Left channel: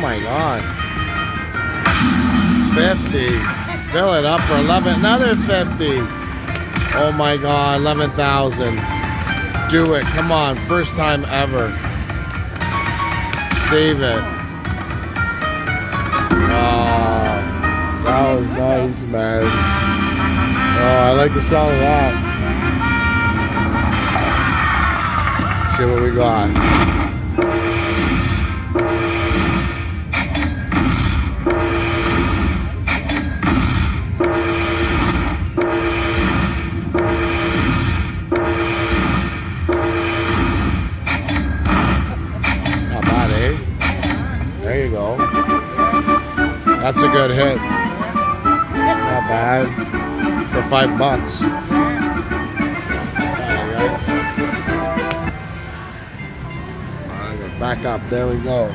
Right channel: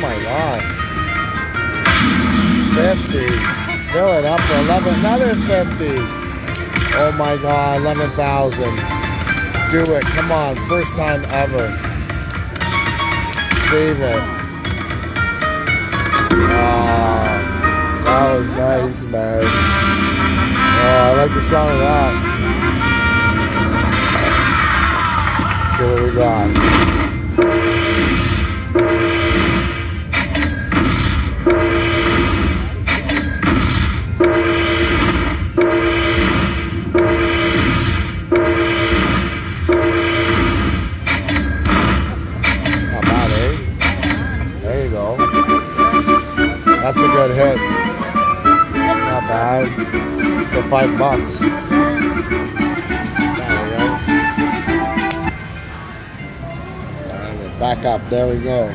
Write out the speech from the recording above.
my God. 50. Fill it up for 11. Another 50. Oh my God, 11,000. Do it. Come on. First time ever. Save it. Oh, that was nice, man. Oh, I like the sound of that. Let's see what we got. Not bad, eh? There you go. That's a good hit. Not bad. For $5. Alright, guys. Alright, we're back up. There we go.